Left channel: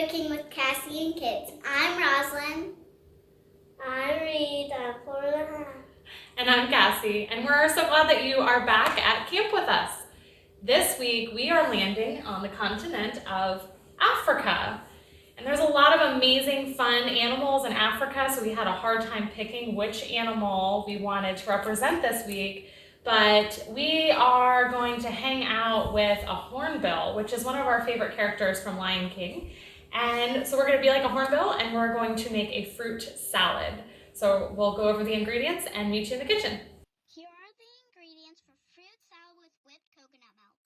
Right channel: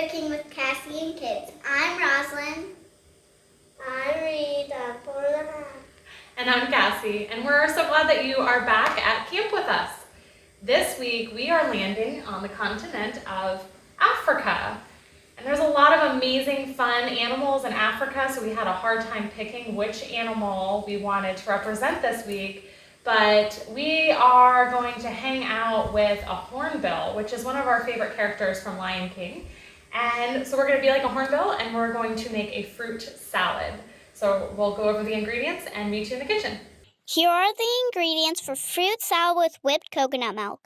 Cooking with Cassie and Kids. I'm Roslyn. I'm Reed. I'm 4.5. And I'm Cassie, and we're so glad that you are back at camp with us. This week we are landing on the continent of Africa. And there's a lot of amazing fun animals in Africa, so we had a hard time picking which animal we wanted to represent this week. But we are going to hang out with a hornbill, which is one of our favorite characters from Lion King. And so we're going to be like a hornbill, and we're going to make a fruit salad. So we'll go over the ingredients and meet you in the kitchen. Here are the ingredients for fruit salad with whipped coconut milk.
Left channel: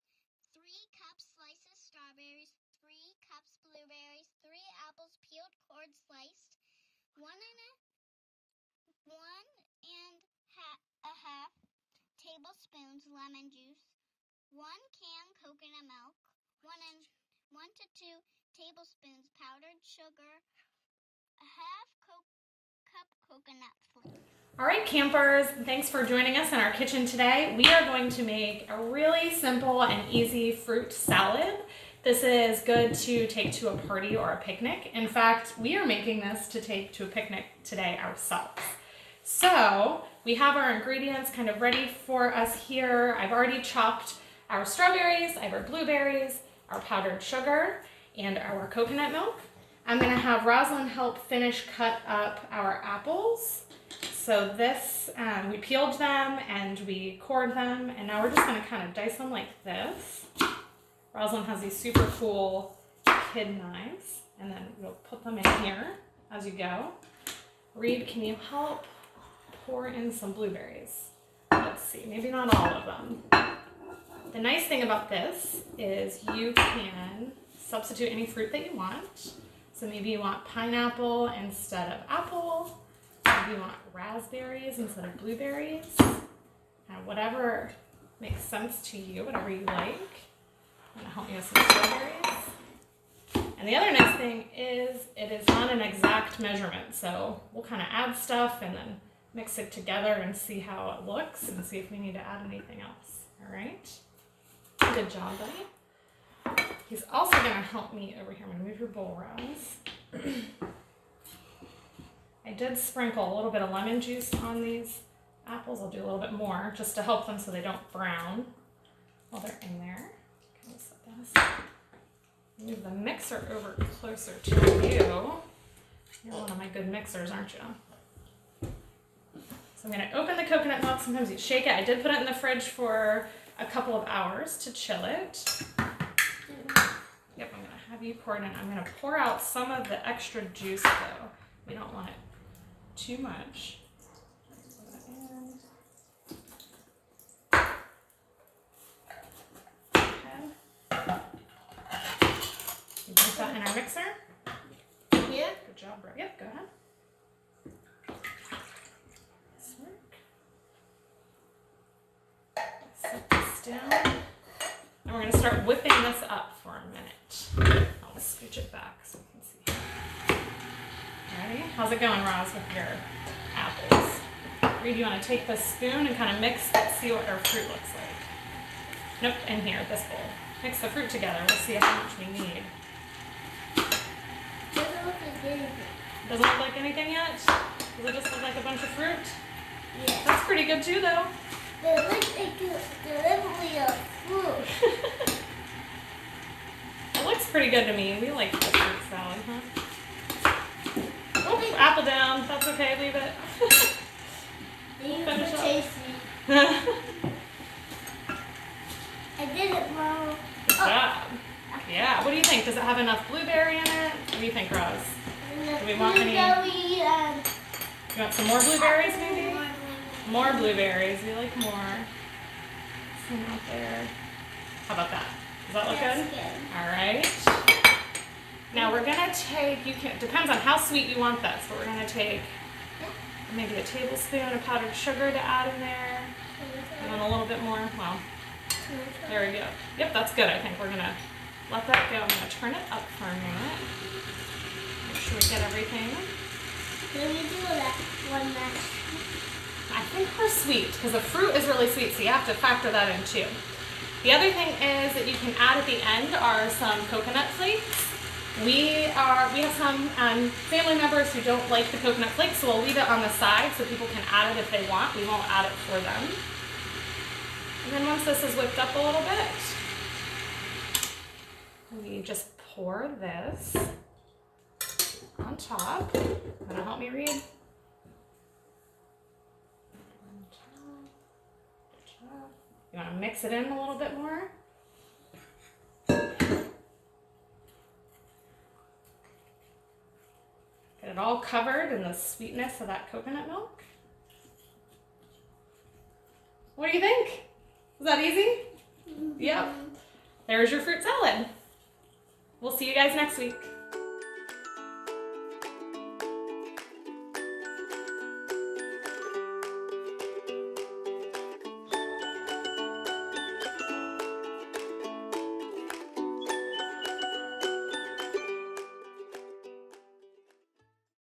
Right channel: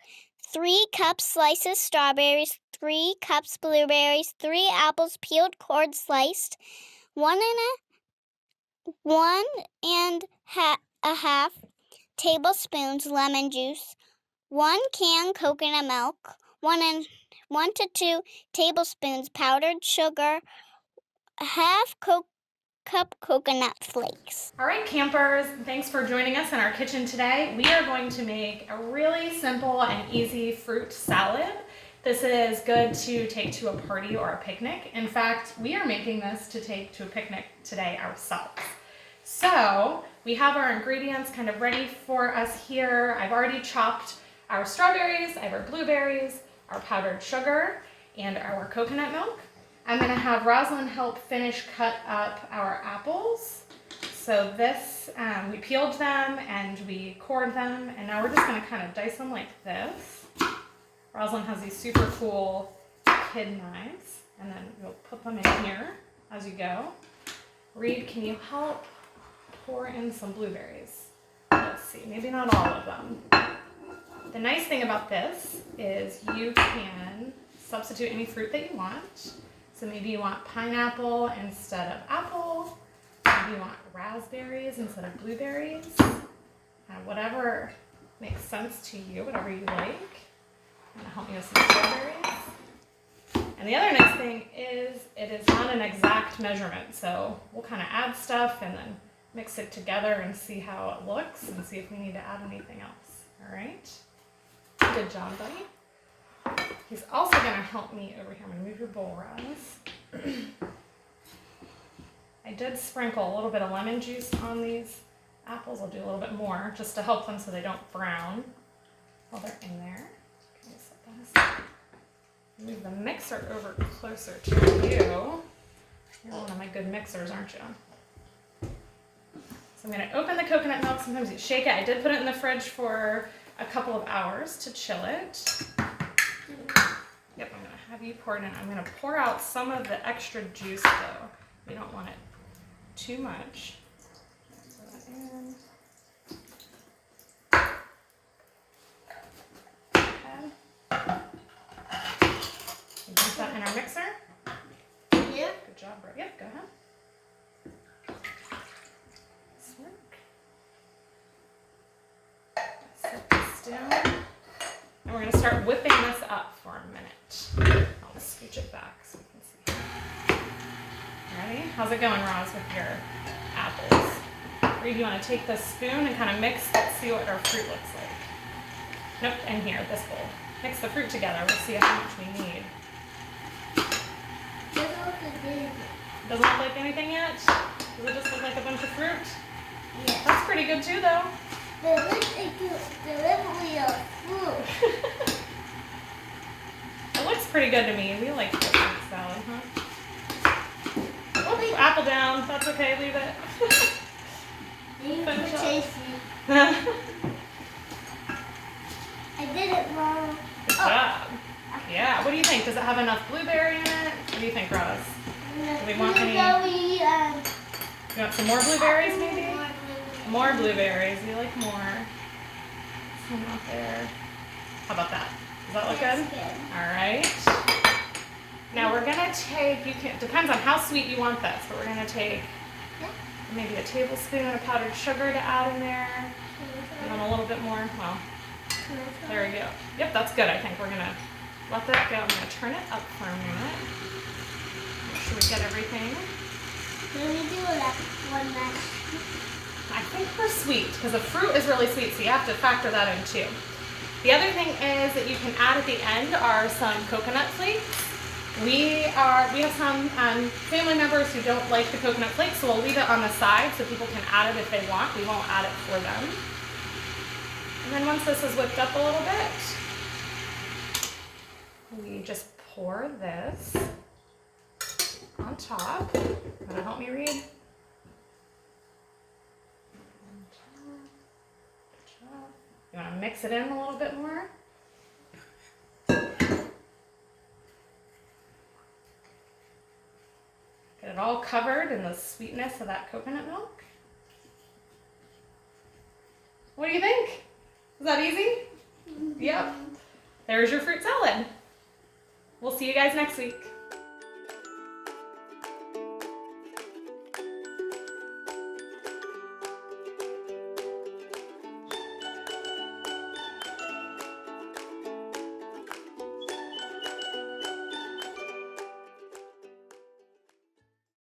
3 cups slices strawberries, 3 cups blueberries, 3 apples peeled, cored, sliced, 1 and a half tablespoons lemon juice, 1 can coconut milk, 1 to 2 tablespoons powdered sugar, half cup coconut flakes. All right, campers, thanks for joining us in our kitchen today. We are going to make a really simple and easy fruit salad. This is good to take to a party or a picnic. In fact, we are making this to take to a picnic today ourselves. So we have our ingredients kind of ready for us here. I've already chopped our strawberries, I have our blueberries, our powdered sugar, and our coconut milk. I'm going to have Roslyn help finish cut up our apples. So this, we peeled them and we cored them, and now we're just going to kind of dice them like this. Roslyn has these super cool kid knives, and then you'll put them in here as you go. Reed, can you help pour in some blueberries? Let's see, maybe not all of them. The nice thing about this is you can substitute any fruit that you want. So maybe you want pineapple instead of apple. Maybe you want raspberries instead of blueberries. Whatever makes sense to you, whatever you like. I'm gonna help me with some strawberries. And the other nice thing is it is not an exact measurement. So we'll kind of add stuff and then mix it together and see how it looks and see if we need to add anything else. All right? Good job, buddy. He's also going to help me over here. I'm going to move your bowl, Roz. I did sprinkle a little bit of lemon juice on these apples. I'll do a little bit more just to help them so they don't brown while they're in there. Okay, set that aside. Move the mixer over closer to you. You're one of my good mixers, aren't you? So I'm going to open the coconut milk. Sometimes you shake it. I did put it in the fridge for a couple of hours to chill it. Yep, I'm going to have you pour it in. I'm going to pour out some of the extra juice though. We don't want it too much. Pour that in. Okay. You dump that in our mixer? Yep. Good job, Brett. Yep, go ahead. Set this down. And we're going to start whipping this up for a minute. I'll scooch it back so we can see. Ready? How's it going, Roz, with your apples? Reed, you want to take this spoon and kind of mix, see what our fruit looks like. Nope, in here, this bowl. Mix the fruit together. We'll see how much we need. Doesn't look like anything yet? Does it just look like a bunch of fruit? Yeah. That's pretty good too, though. It looks like delivery of fruit. It looks pretty good to me. We like the fruit salad, huh? Oh, apple down. That's okay. Leave it. Finish up. Tasty. I did it wrong. Good job. Yeah. What do you think? Does it have enough blueberry in it? What do you think, Roz? Do we want any? You want some more blueberries, maybe? More blueberries. We like more. Some out there. How about that? Does that look good? All right. Now we're gonna take. Depends on how sweet you want this, but we're gonna take maybe a tablespoon of powdered sugar to add in there. You want a little bit more? Well, there we go. Yep, that's good. I think we're gonna let that go. I'm gonna turn it up for a minute. Make sure we get everything. Can we do that one last? I think we're sweet because the fruit is really sweet, so you have to factor that in too. The other thing is that you can add at the end are some coconut flakes. We have some family members who don't like the coconut flakes, so we'll leave it on the side so people can add it if they want. We won't add it for them. And then once this is whipped up a little bit, we just pour this on top. That'll help me read. On top. You want to mix it in a little bit more. Get it all covered in the sweetness of that coconut milk. What do you think? Was that easy? Yep. There's your fruit salad. We'll see you guys next week.